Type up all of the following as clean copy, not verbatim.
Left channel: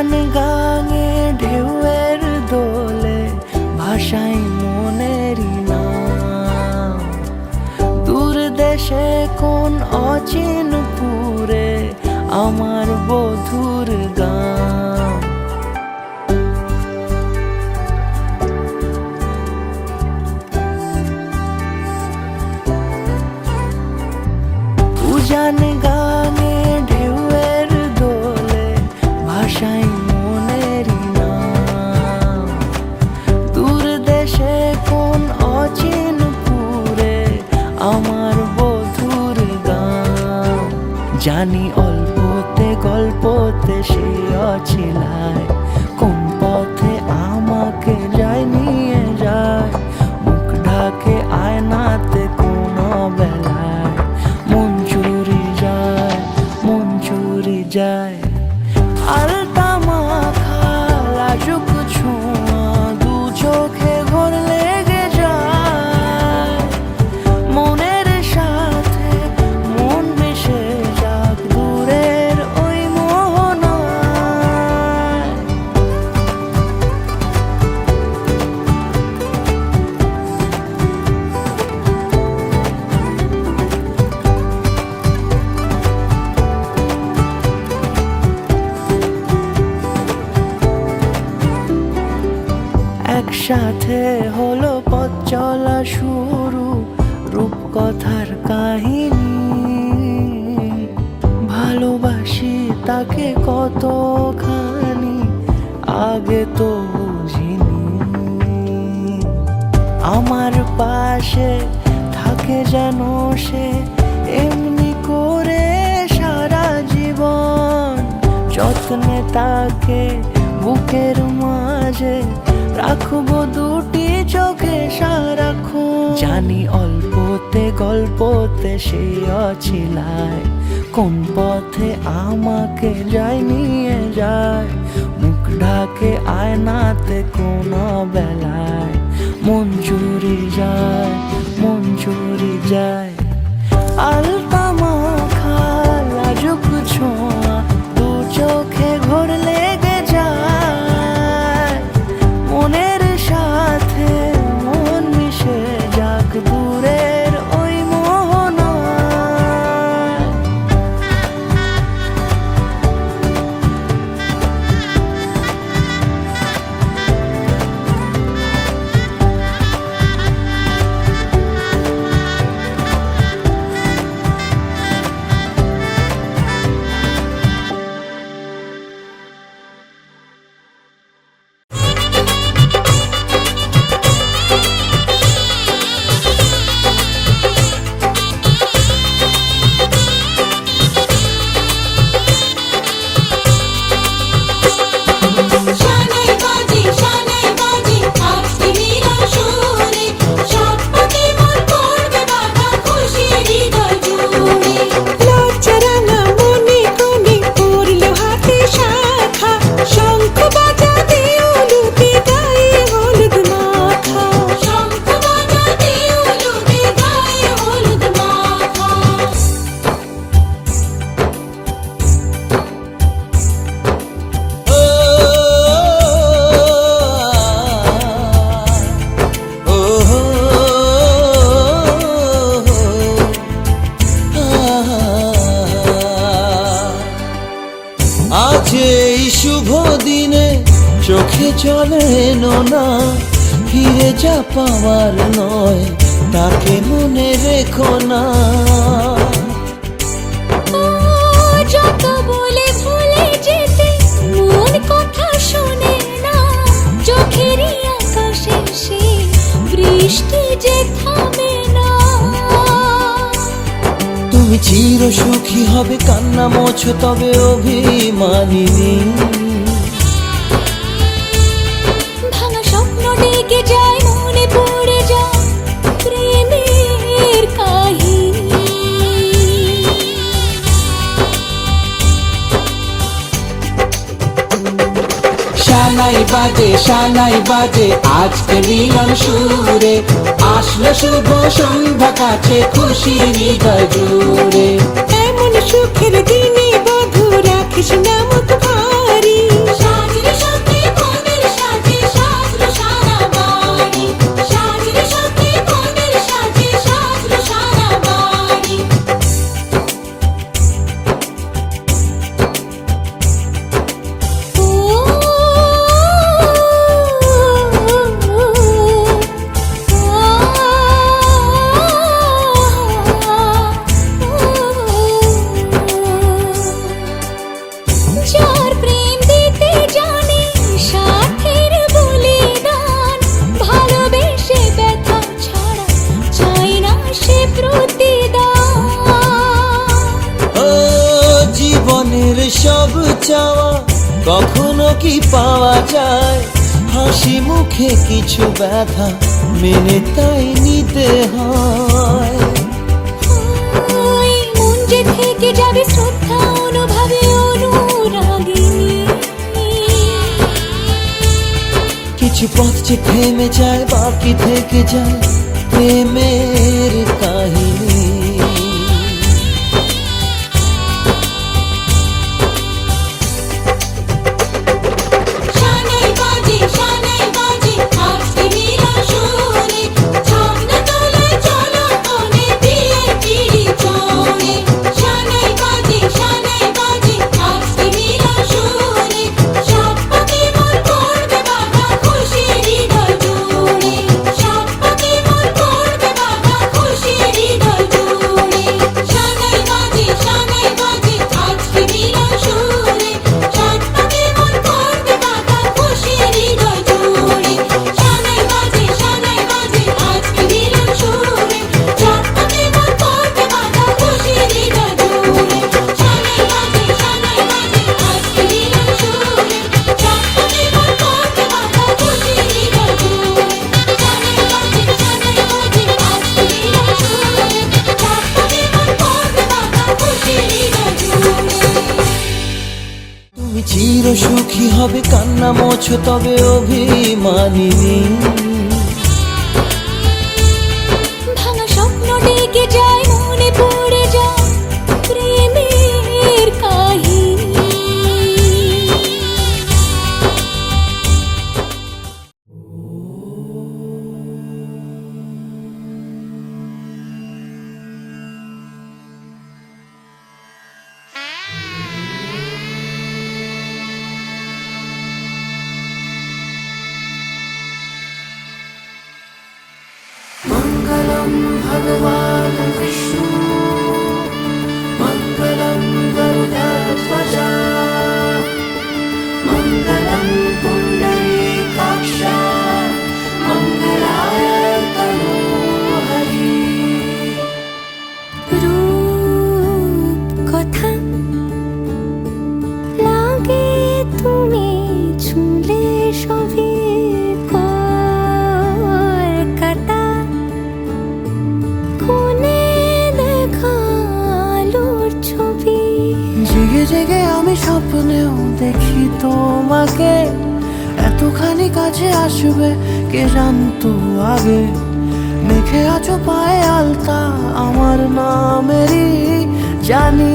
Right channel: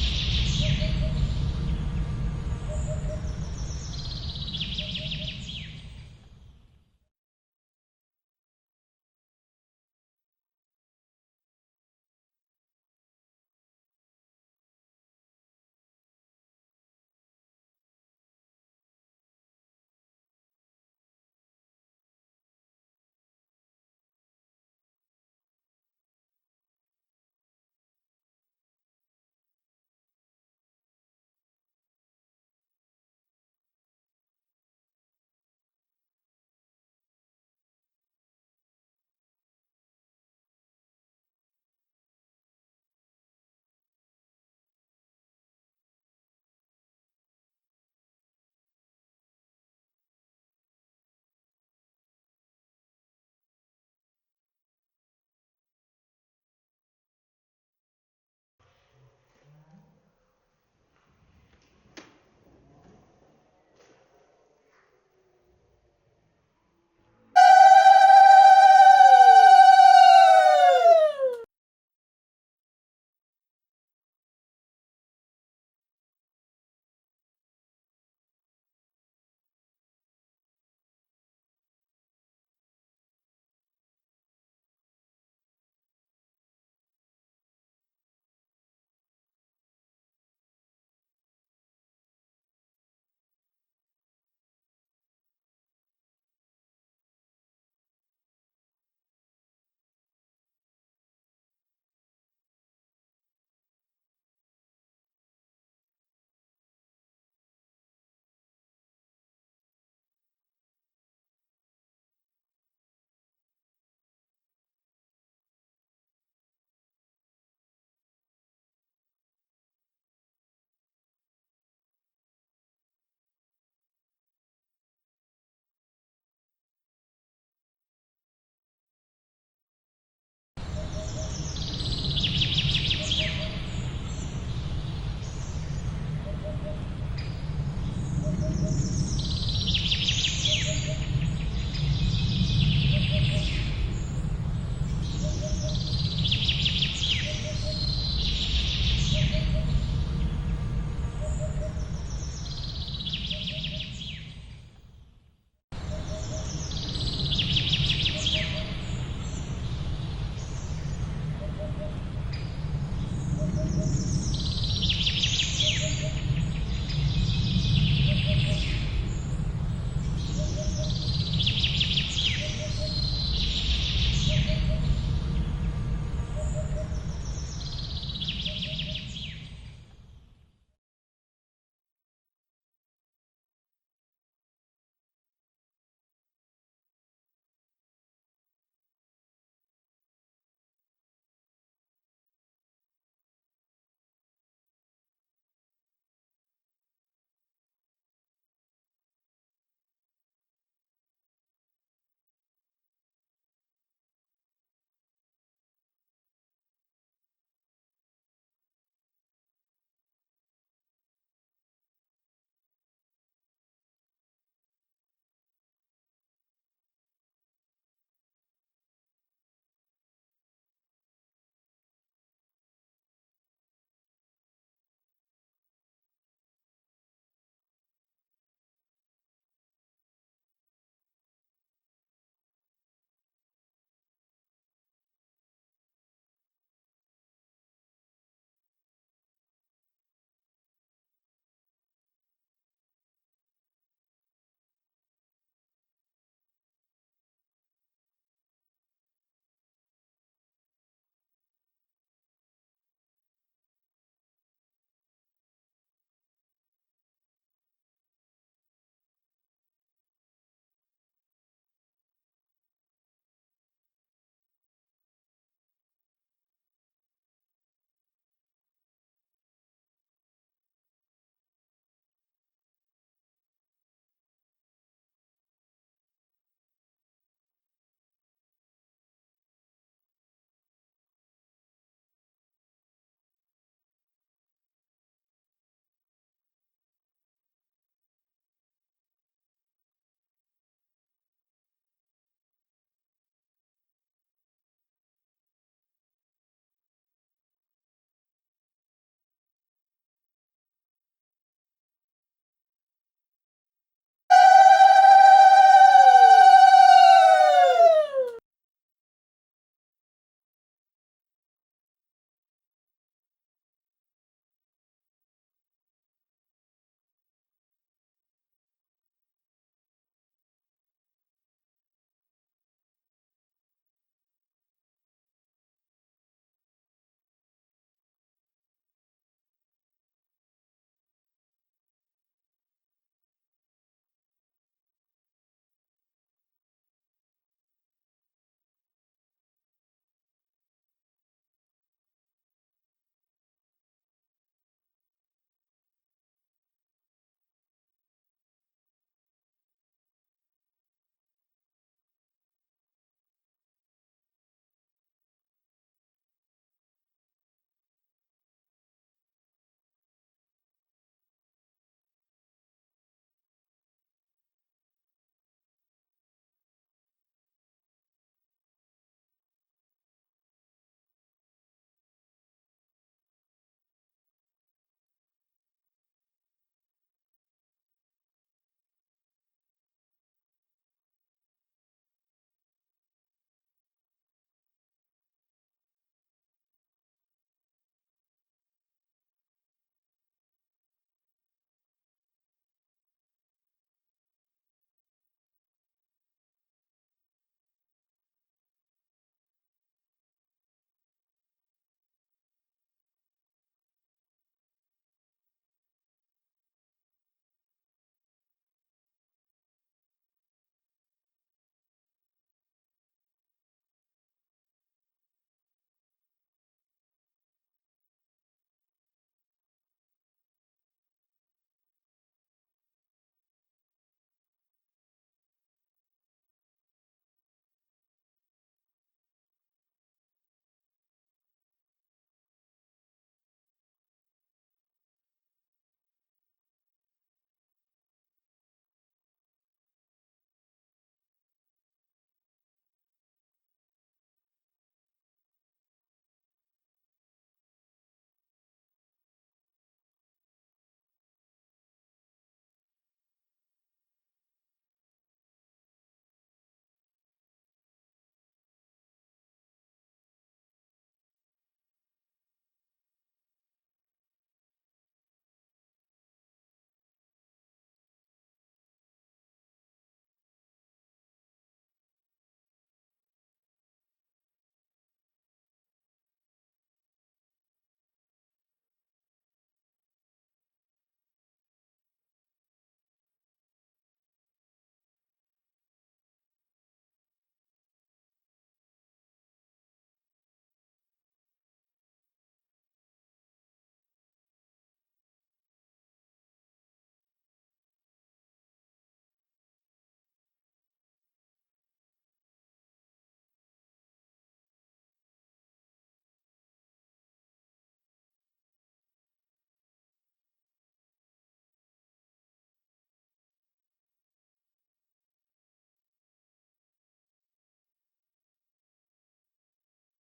উজান গাঙে ঢেউয়ের দোলে ভাষাই মনেরই নাম। দূর দেশে কোন অচিনপুরে আমার বধুর গান। উজান গাঙে ঢেউয়ের দোলে ভাষাই মনেরই নাম। দূর দেশে কোন অচিনপুরে আমার বধুর গান। জানি অল্পতে গল্পতে সে অছিলায় কোন পথে আমাকে যায় নিয়ে যায়। মুখ ঢাকে আয়নাতে কোন বেলায় মন চুরি যায়, মন চুরি যায়। আলতা মাখা লাজুক ছোঁয়া দু চোখে ঘোর লেগে যায়। মনের সাথে মন মিশে যাক দূরের ওই মোহনায়। একসাথে হলো পথ চলা শুরু, রূপকথার কাহিনী। ভালোবাসি তাকে কতখানি আগে তো বুঝিনি। আমার পাশে থাকে যেন সে এমনি করে সারা জীবন। যত্নে তাকে বুকের মাঝে রাখবো দুটি চোখে সারাক্ষণ। জানি অল্পতে গল্পতে সে অছিলায় কোন পথে আমাকে যায় নিয়ে যায়। মুখ ঢাকে আয়নাতে কোন বেলায় মন চুরি যায়, মন চুরি যায়। আলতা মাখা লাজুক ছোঁয়া দু চোখে ঘোর লেগে যায়। মনের সাথে মন মিশে যাক দূরের ওই মোহনায়। শানাই বাজে আজকে মিলন সুরে। সব পথে মন করবে বাধা খুশি হৃদয় জুড়ে। লজ্জারাঙা মনে কোণে পড়ল হাতে শাখা। শঙ্খ বাজাতে উলুতে গায়ে হলুদ মাখা। শঙ্খ বাজাতে উলুতে গায়ে হলুদ মাখা। আজ এই শুভ দিনে চোখে চলে না, ফিরে যা পাওয়ার নয় তাকে মনে রেখো না। যত বলে ভুলে যেতে মন কথা শোনে না। চোখেরই আকাশে সে বৃষ্টি যে থামে না। তুমি চির সুখী হবে কান্না মোছো তবে অভিমানিনী। ভাঙা স্বপ্ন ডেকে যায় মনে পড়ে যায় প্রেমের কাহিনী। শানাই বাজে আজকে মিলন সুরে। আসলো শুভ সন্ধ্যা কাছে খুশি হৃদয় জুড়ে। এমন সুখের দিনে বধু রাখিস না মুখ ভারী। চাওয়া কখনো কি পাওয়া যায়? হাসি মুখে কিছু ব্যথা মেনে তাই নিতে হয়। ওই মন যে থেকে যাবে শ্রদ্ধা অনুভবে অনুরাগিনী। কিছু পথ যে থেমে যায়, বাকি থেকে যায় প্রেমের কাহিনী। শানাই বাজে আজকে মিলন সুরে, ঝর্ণা তলায় চলো কোণে বিয়ের পিঁড়ি চড়ে। শানাই বাজে আজকে মিলন সুরে, সাত পাকে মন করবে বাঁধা খুশির হৃদয় জুড়ে। সাত পাকে মন করবে বাঁধা খুশির হৃদয় জুড়ে। শানাই বাজে আজকে মিলন সুরে, সাত পাকে মন করবে বাঁধা খুশির হৃদয় জুড়ে। শানাই বাজে আজকে মিলন সুরে, সাত পাকে মন করবে বাঁধা খুশির হৃদয় জুড়ে। শানাই বাজে আজকে মিলন সুরে, সাত পাকে মন করবে বাঁধা খুশির হৃদয় জুড়ে। শানাই বাজে আজকে মিলন সুরে, সাত পাকে মন করবে বাঁধা খুশির হৃদয় জুড়ে। তুমি চির সুখী হবে, কান্না মোছো তবে অভিমানিনী। ভাঙা স্বপ্ন ডেকে যায়, মনে পড়ে যায় প্রেমের কাহিনী। মঙ্গলম ভগবান বিষ্ণু, মঙ্গলম গরুড়ধ্বজ, মঙ্গলম পুণ্ডরীকাক্ষ, মঙ্গলায় তনোহরি। রূপ কথা লাগে তুমি ছুঁলে সবই কলকাতা। কোণে দেখালোর ছবি, জেগে জেগে আমি স্বপ্নেও দেখি তোমাকে, এতখানি কাছে আসবে কে জানতো আগে। মেখে আছো পায়ে আলতা আমার নামেরই, জানি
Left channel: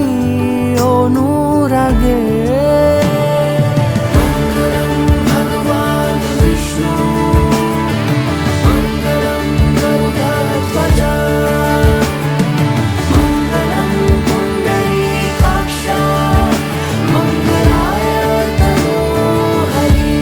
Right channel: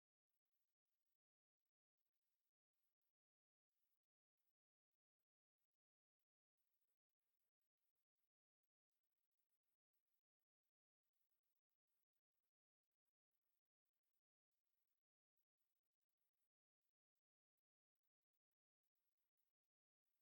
অনুরাগে। মঙ্গলম ভগবান বিষ্ণু, মঙ্গলম গরুড়ধ্বজ, মঙ্গলম পুণ্ডরীকাক্ষ, মঙ্গলায় তনোহরি।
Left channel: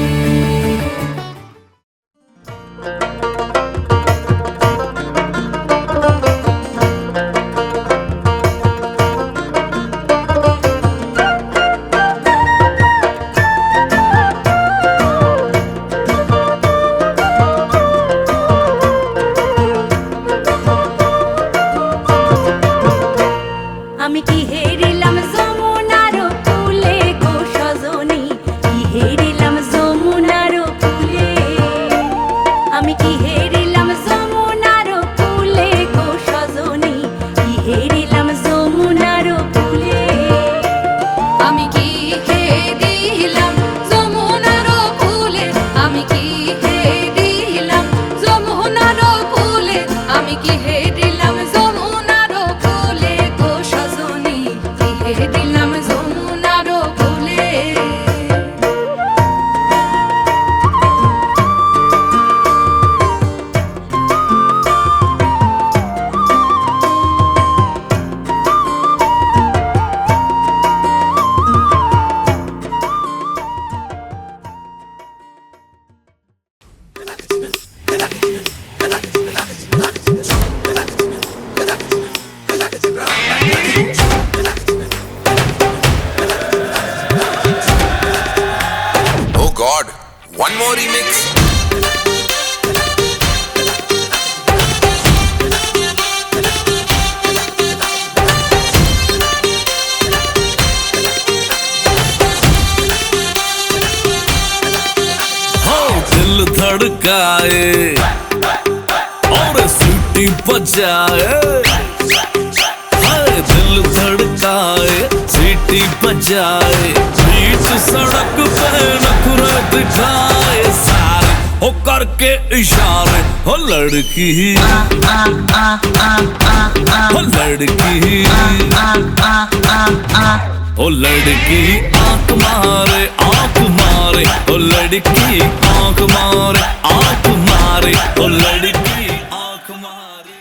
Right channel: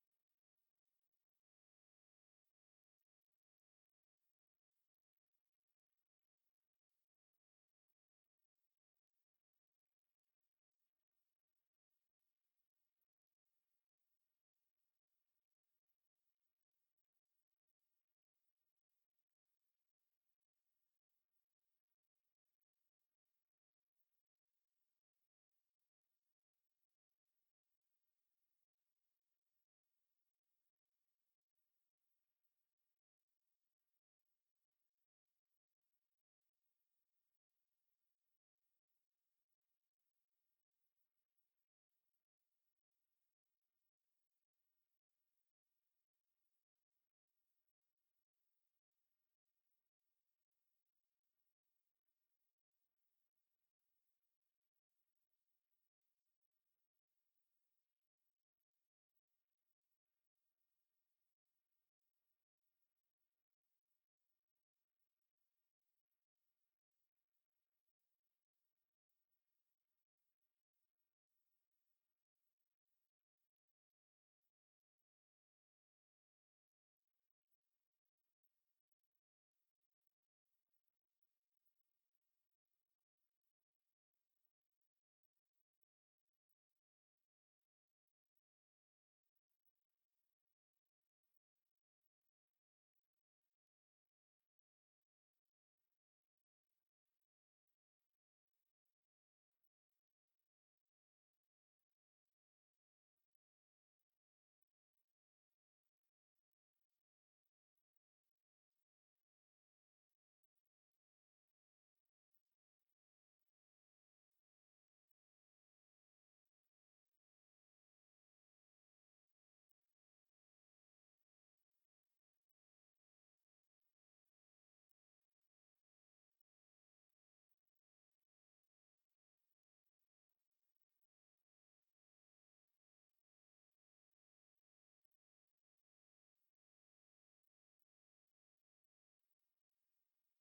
धड़काए और सीटी बजाए, हाय दिल धड़काए सीटी बजाए, बीच सड़क पे नखरे दिखाए सारे हो करके इशारे, हो लड़की हो लड़की ओ लड़की आंख मारे ओ लड़की आंख मारे ओ लड़की आंख मारे।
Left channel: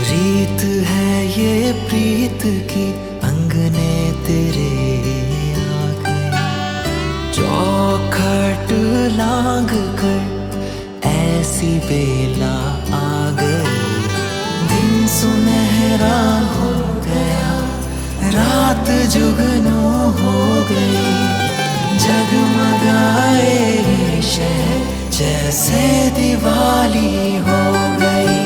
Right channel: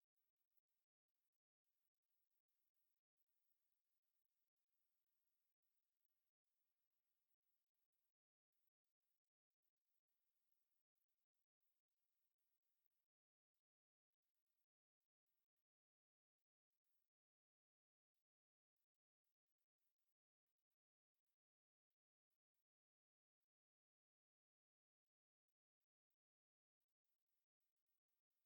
रीत है ये प्रीत की अंगने तेरे आ गई, चौखट लांग कर ऐसी बेला आ गई। दिन सुनहरा हो गया, रात जुगनू हो गई, जगमगाए ये शहर जैसे दिवाली हो गई।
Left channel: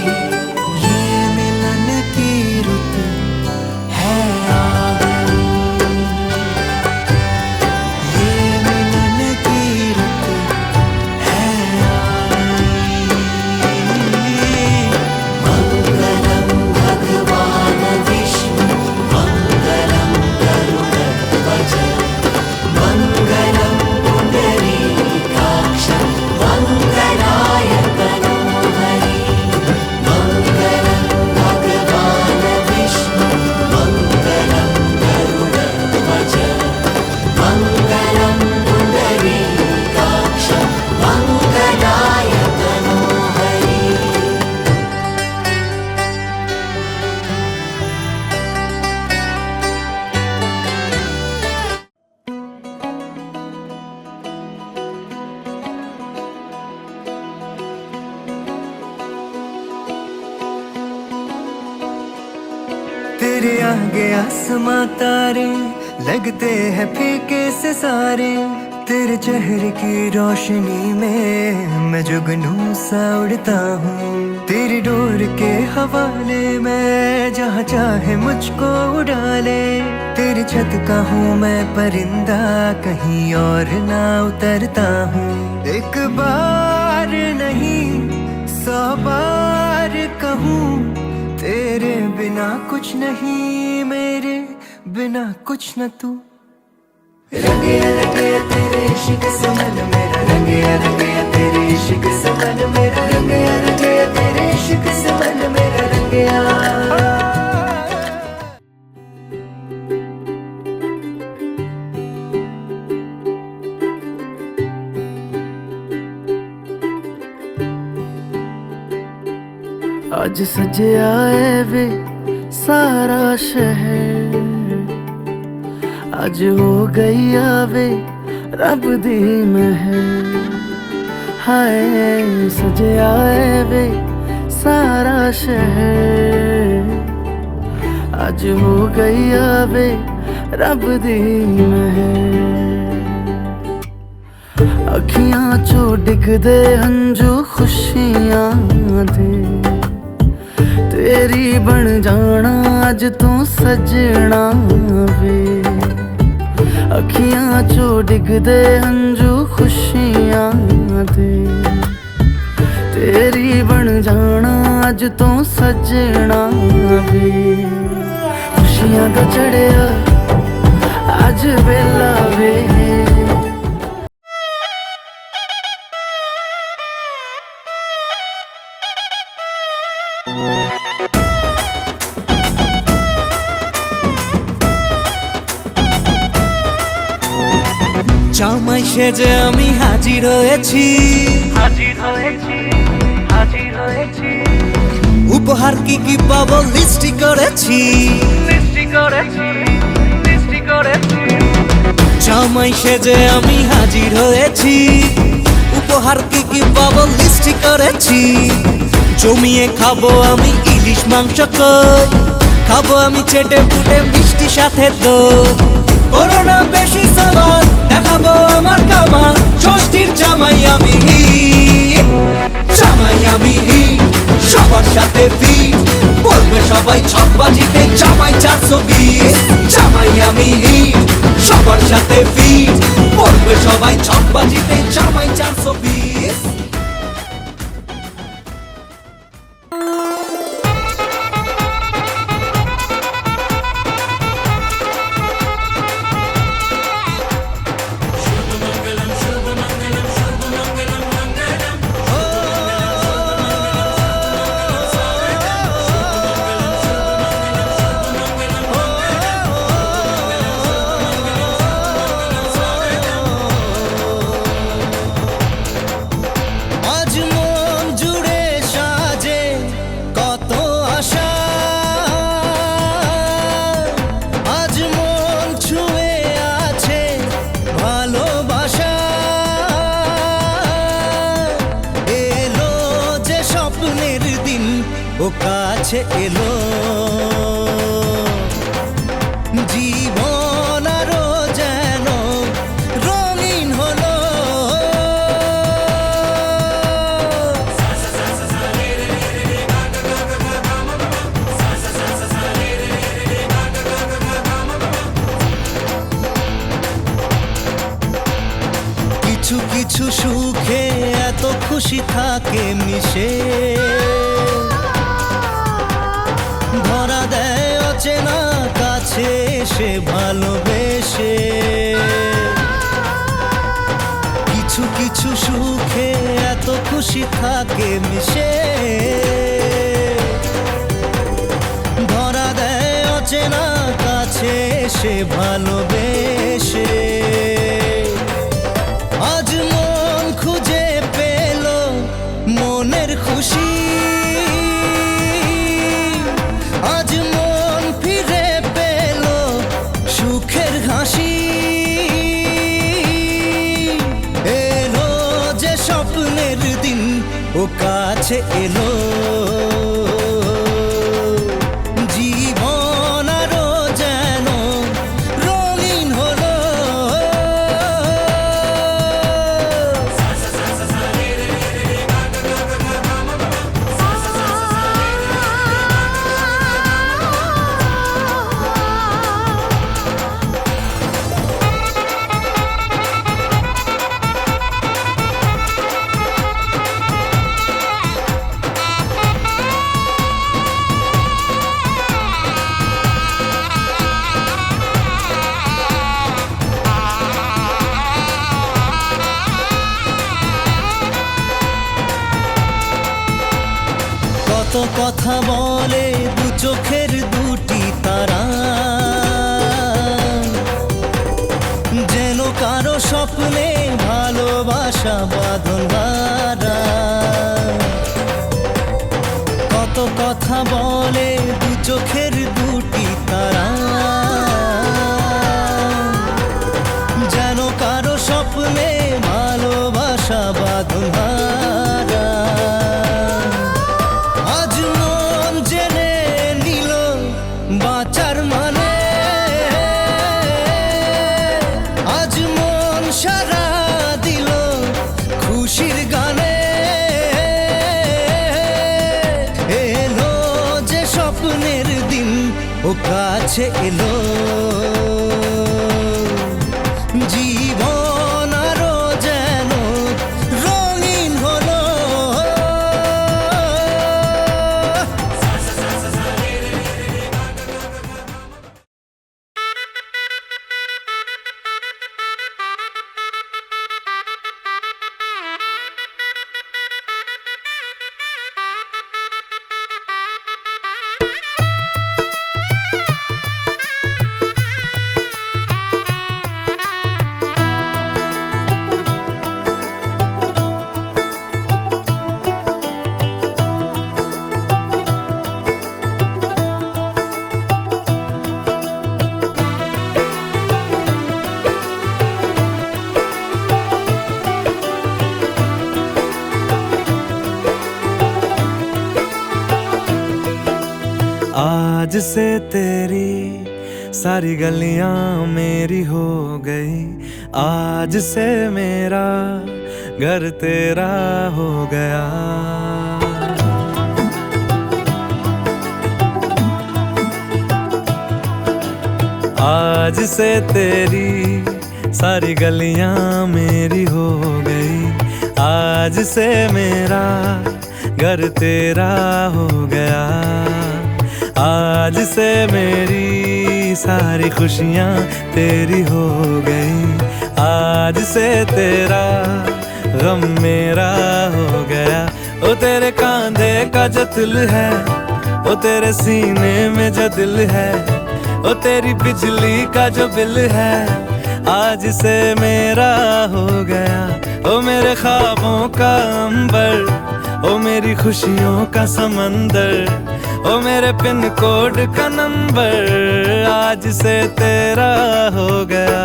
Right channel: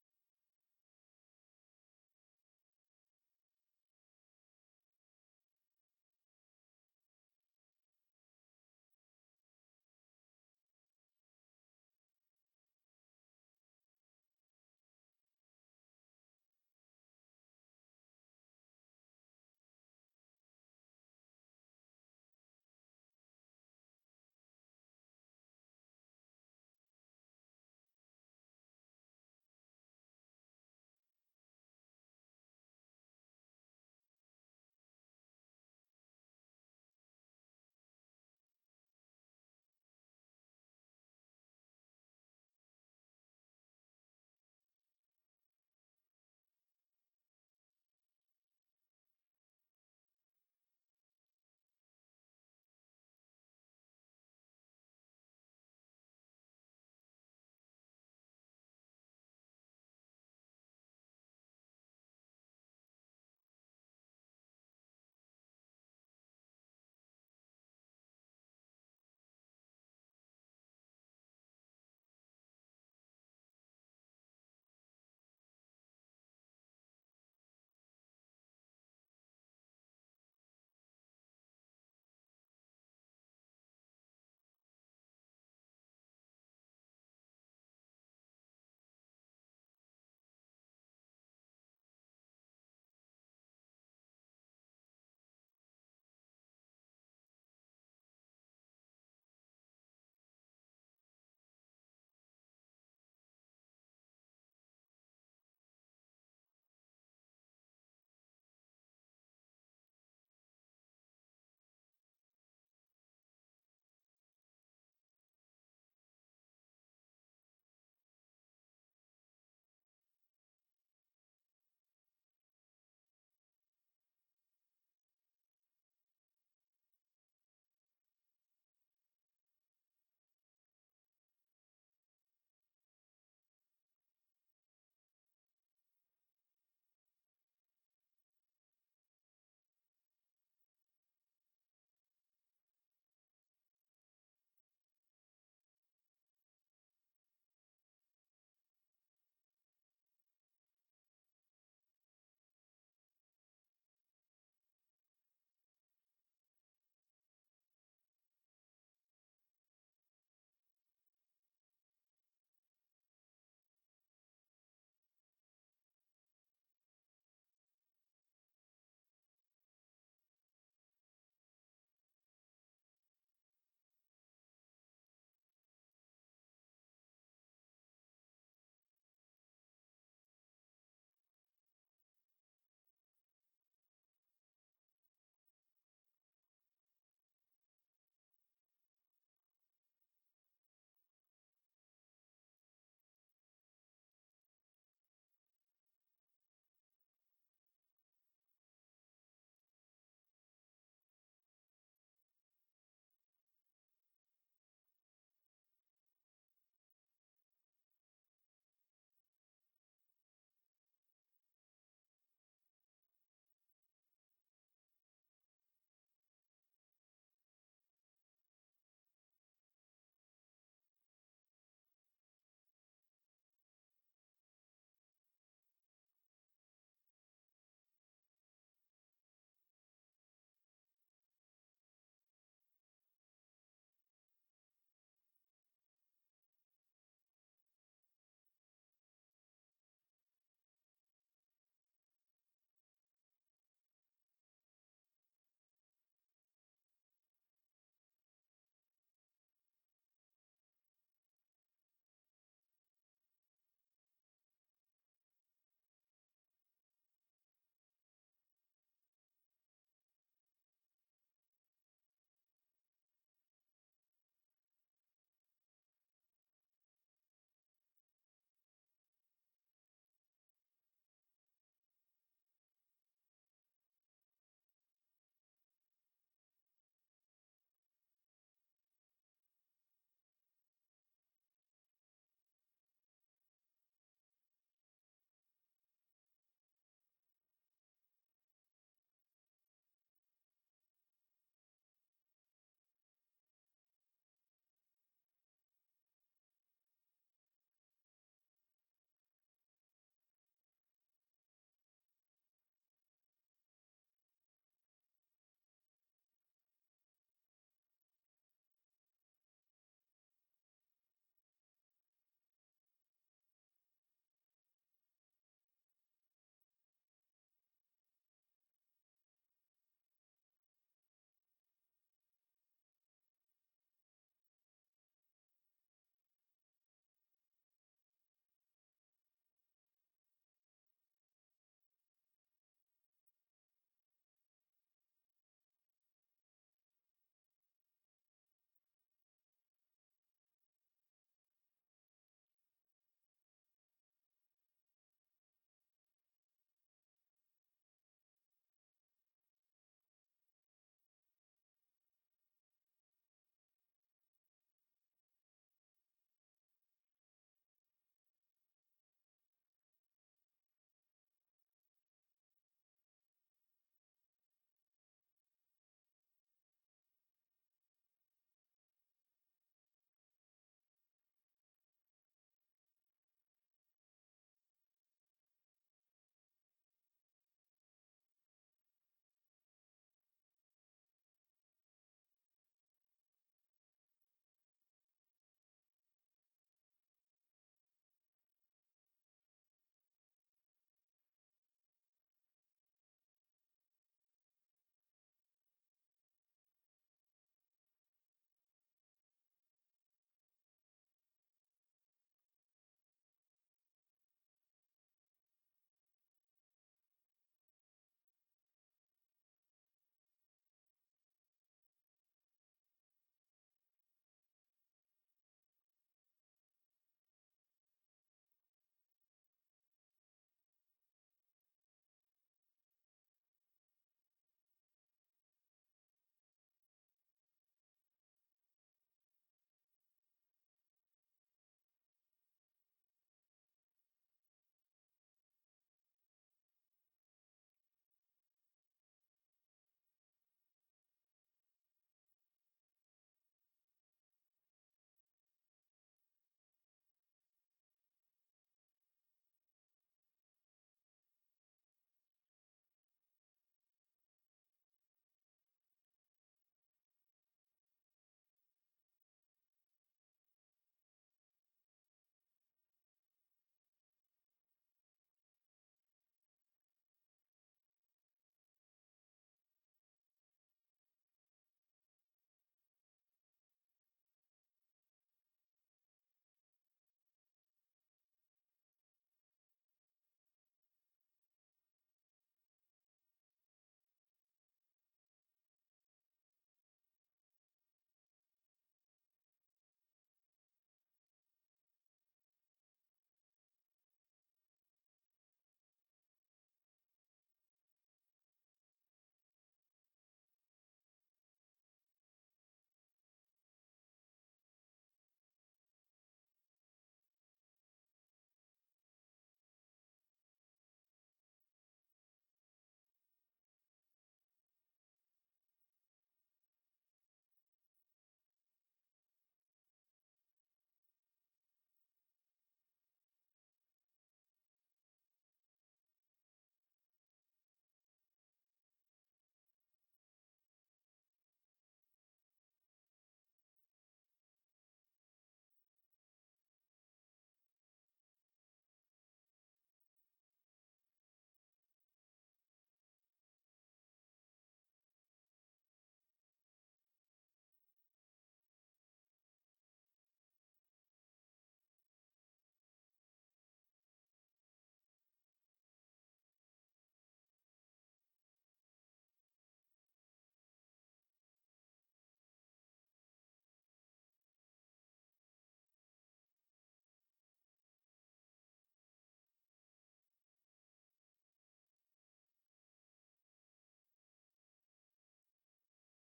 तेरे आगे आसमां तारे लगते हैं फीके से सारे, तेरे चेहरे की रोशनी में मैं जुगनू सा उड़ता हूँ। तेरी डोर के हवाले मैं जहाँ चाहे मुझको उड़ा ले, तेरी छत का हूँ मैं परिंदा कहीं और ना उतरता हूँ। एक बार नहीं 100 बार कहूँ, तेरे बिना कुछ नहीं, मेरे बिना कुछ न तू। रंगे रंगे तेरे इश्क से मन मेरा, रंगे रंगे तेरे इश्क से मन मेरा, रंगे रंगे तेरे इश्क से मन मेरा रंगे। आज सजिया है वे सारा शहर, आज हो गई आवे रब दी महर। हाय सजिया है वे सारा शहर, आज हो गई आवे रब दी महर। अखियां चो डिगदे हंजू खुशियां दे, तेरी बन जाना अज तू सजना वे। अखियां चो डिगदे हंजू खुशियां दे, तेरी बन जाना अज तू सजना वे। खुशियां दा चढ़िया अज वेला वे, জামাই সেজে আমি হাজির হয়েছি, উপহার কি কি পাবো লিস্টি করেছি। জামাই সেজে আমি হাজির হয়েছি, উপহার কি কি পাবো লিস্ট করেছি। জমিয়ে খাবো আমি ইলিশ মাংস কই, খাবো আমি চেটে পুটে মিষ্টি সাথে দই। করোনা বেশি সাবার দেখাবো আমার কামাল, ষষ্ঠীর জামাই আমি হিট, জামাই আমি হিট, সবার সাথে ফিট, বলবে সবাই ছকবাজিতে জামাই 420। জামাই আমি হিট, সবার সাথে ফিট, বলবে সবাই ছকবাজিতে জামাই 420। আজ মন জুড়ে সাজে কত আশা, আজ মন ছুঁয়ে আছে ভালোবাসা। এলো যে স্বপ্নের দিন ও কাছে এলো, জীবন আরো যেন রঙিন হলো। কিছু কিছু সুখে এত খুশি থাকে মিশে, ধরা দেয় অচেনা কাছে এসে ভালোবেসে। কিছু কিছু সুখে এত খুশি থাকে মিশে, ধরা দেয় অচেনা কাছে এসে ভালোবেসে। আজ মন খুঁজে পেল মনের খুশি, আজ মন ফিরে পেল সুখের হাসি। এলো যে স্বপ্নের দিন ও কাছে এলো, জীবন আরো যেন রঙিন হলো। কত কথা বলে দু চোখের দুটি তারা, যেন কারো স্বপ্নে ভালোবাসা বাঁধন হারা। কত কথা বলে দু চোখের দুটি তারা, যেন কারো স্বপ্নে ভালোবাসা বাঁধন হারা। আজ মন জেনে নিল বাঁচার মানে, আজ মন সারা দিল খুশির গানে। এলো যে স্বপ্নের দিন ও কাছে এলো, জীবন আরো যেন রঙিন হলো। आज से तेरी सारी गलियां मेरी हो गई, आज से मेरा घर तेरा हो गया। आज से तेरी सारी गलियां मेरी हो गई, आज से मेरा घर तेरा हो गया। आज से मेरी सारी खुशियां तेरी हो गई, आज से तेरा गम मेरा हो गया। ओ तेरे कांधे का जो दिल है, ओ तेरे सीने में जो दिल है, ओ तेरी बिजली का जो बिल है, आज से मेरा हो गया। ओ मेरे ख्वाबों का अंबर, ओ मेरी खुशियों का समंदर, ओ मेरे पिन कोड का नंबर, आज से तेरा हो गया।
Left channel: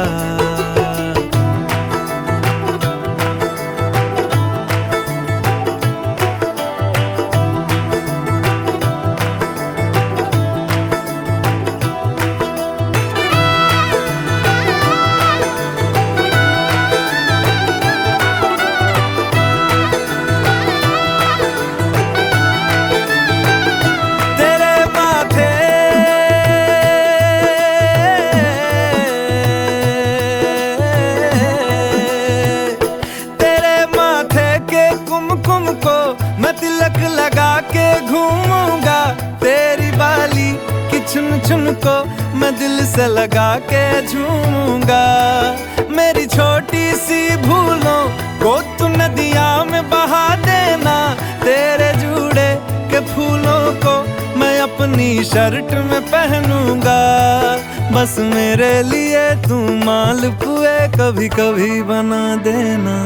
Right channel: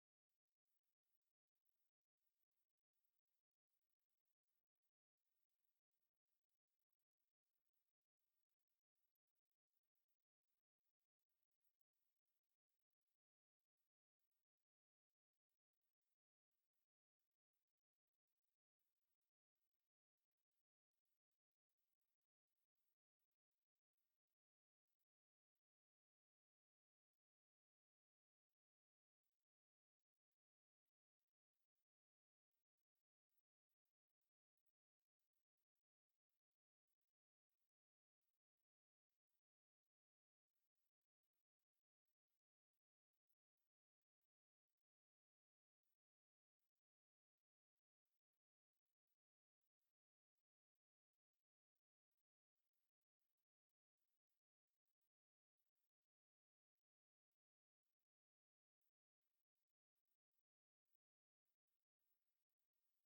लगा के घूमूंगा, तेरी बाली की चुन चुन को मैं दिल से लगा के झूमूंगा। मेरी छोटी सी भूलों को तू नदिया में बहा देना, तेरे जूड़े के फूलों को मैं अपनी शर्ट में पहनूंगा। बस मेरे लिए तू मालपुए कभी कभी बना देना।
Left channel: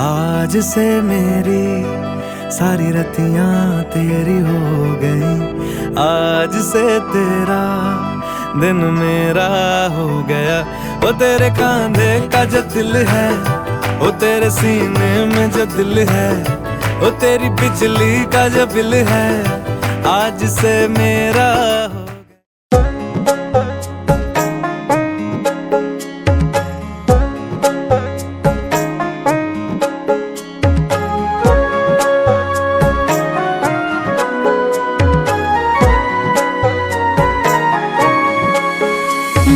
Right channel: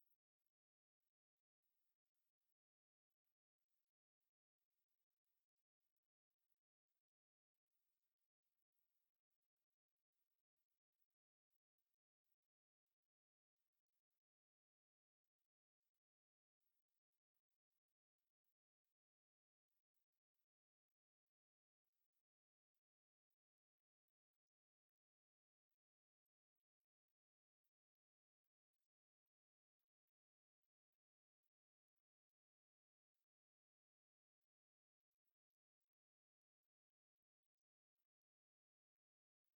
आज से मेरी सारी रतियां तेरी हो गई, आज से तेरा दिन मेरा हो गया। वो तेरे कांधे का जो दिल है, वो तेरे सीने में जो दिल है, वो तेरी बिजली का जो बिल है, आज से मेरा हो।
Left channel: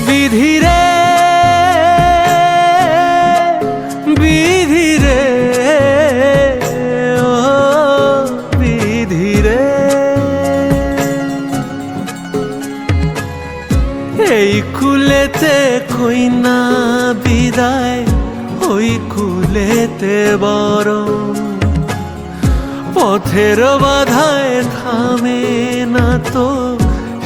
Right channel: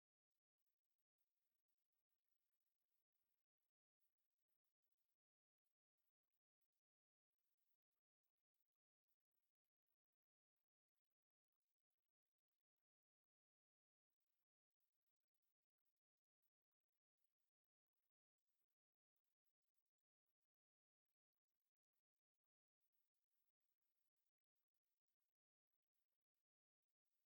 विधि रे विधि रे ओ विधि रे, এই কুলেতে কইনা বিদায়, ওই কুলেতে বরং পথের বাধায় থামে না তো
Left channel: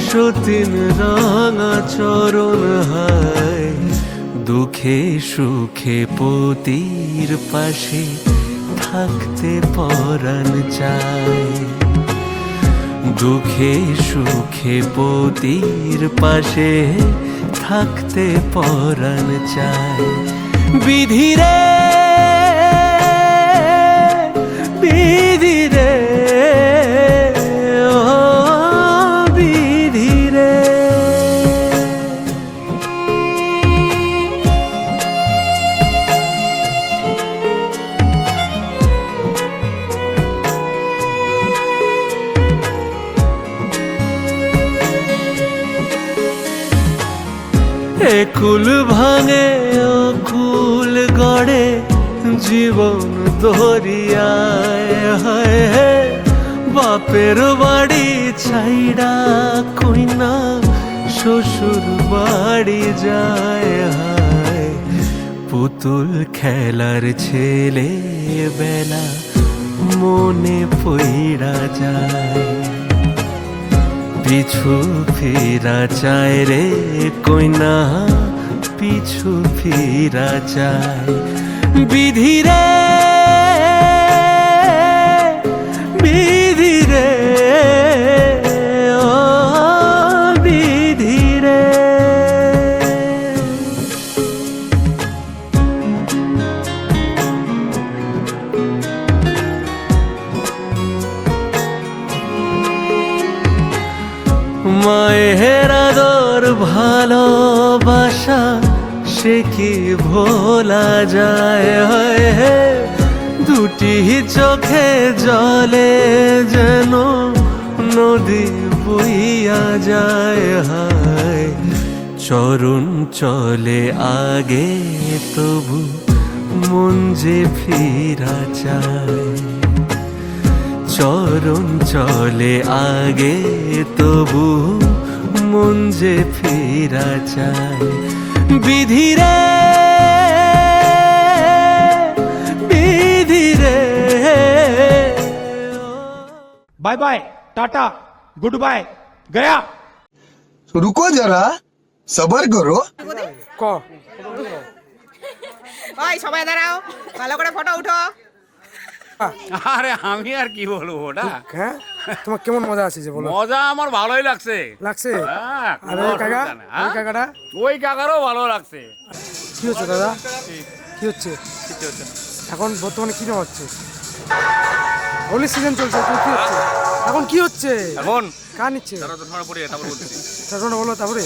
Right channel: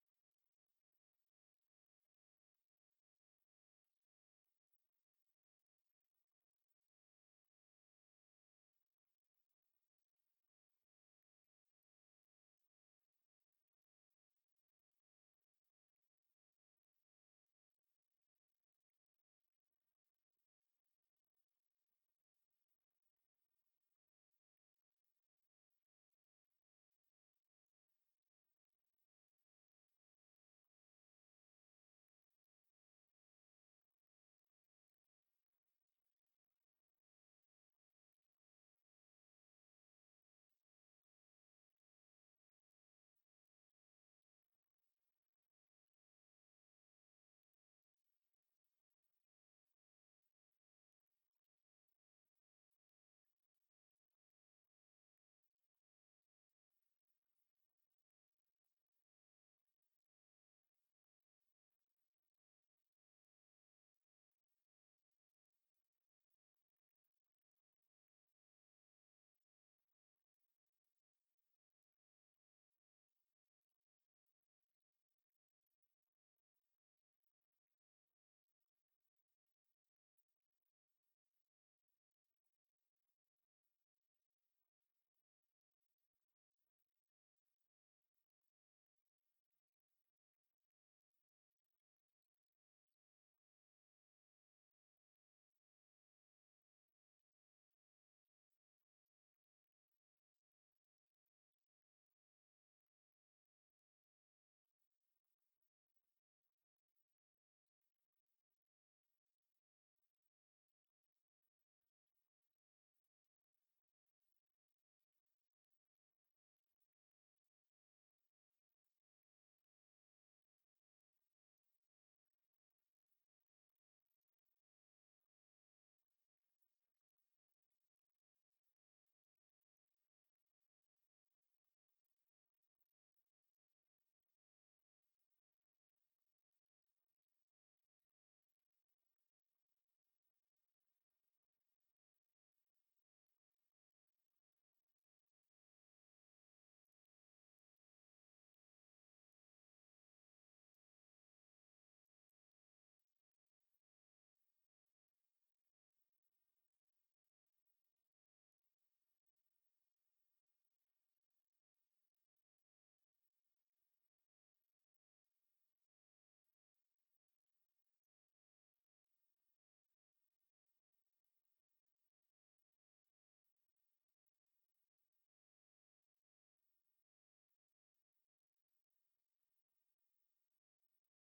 সতীন রাঙা চরণ হায়। দুঃখে সুখে পতির পাশে থাকতে পরাণ চায়, দুঃখে সুখে পতির পাশে থাকতে পরাণ চায়। বিধি রে বিধি রে ও বিধি রে। একুল ভাঙে অকুল গড়ে জীবন দরিয়ায়, হায় হে বাপের বাড়ি ছাইড়া কইনা শ্বশুর বাড়ি যায়, হায় পুতুল খেলার ছেলে বেলা মনে পইড়া যায়। পিছু ফিরা চায় রে কইনা, পিছু ফিরা চায়। বিধি রে বিধি রে ও বিধি রে। ভালোবাসা সে কি ভোলা যায় হয় দুটি চোখে জলে যেন নদী বইয়া যায় হায় চরণ চলে আগে তবু মন যে ফিরা চায় চরণ চলে আগে তবু মন যে ফিরা চায় বিধিরে বিধিরে bye bye tata good bye गया रुको जरा सबर करो क ওই সবাই দাঁড়াও ভালো করে ফটো উঠো আরে আমি আর কি বলবো ওটা হ্যাঁ তোমার কেমন মজা আছে যে বলো মজা আমার ভালোই লাগছে লাগছে হ্যাঁ, আরে কোনো কাকা অসুবিধা নেই, হ্যাঁ? ওই কাকাটা ওই কাকারও ভালো লাগছে কি হচ্ছে দাদা কি হচ্ছে এখন বর্তমানে কি নেওয়া হচ্ছে হোলি সিজন চলছে তো কি হচ্ছে এখন কি হচ্ছে এখন কার নিচ্ছে ধরা পড়ে তারপর বলতেছি তারপরে বলো তারপরে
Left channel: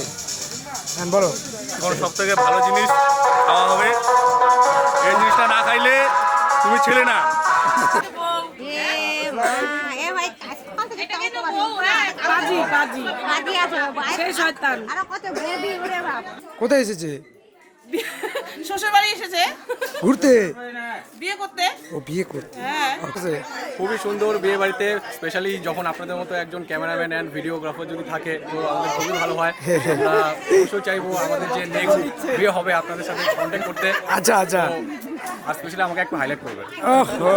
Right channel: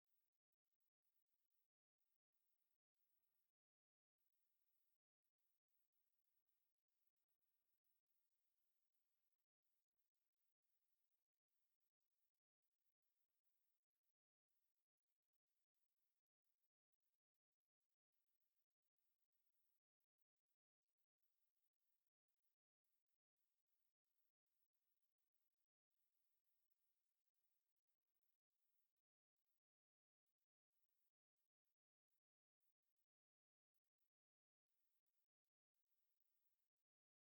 হ্যাঁ বলো এখন সব থেকে ভালো জিনিস খাওয়া হবে এই জিনিসটা না খাইলে তুমি ছেলে না এ ভাই সকাল থেকে বাজি বাজি বাজি আছে সেই শয়তান আর কত বেবি ওরে বাপ কোথায় এসেছে শ্বশুর বাড়ি এসেছে ঘুরতে বিয়ে করতে ও বিয়ে করতে হ্যাঁ আচ্ছা, খুবই সুন্দর বিয়ে বাড়িতে স্পেশালি যখন আপনাদের মতো একজন ক্যামেরাম্যান অ্যান্ড ভিডিওগ্রাফার যদি থাকে তো আমাদের খুবই ভালো হয় আমরা অবশ্যই চাইবো আমাদের যে নেক্সট বিয়ে হবে আপনাদের সাথে কন্ট্যাক্ট করতে আচ্ছা আচ্ছা আর স্পেশালি আমাকে একটু হাইলাইট করবেন ওহো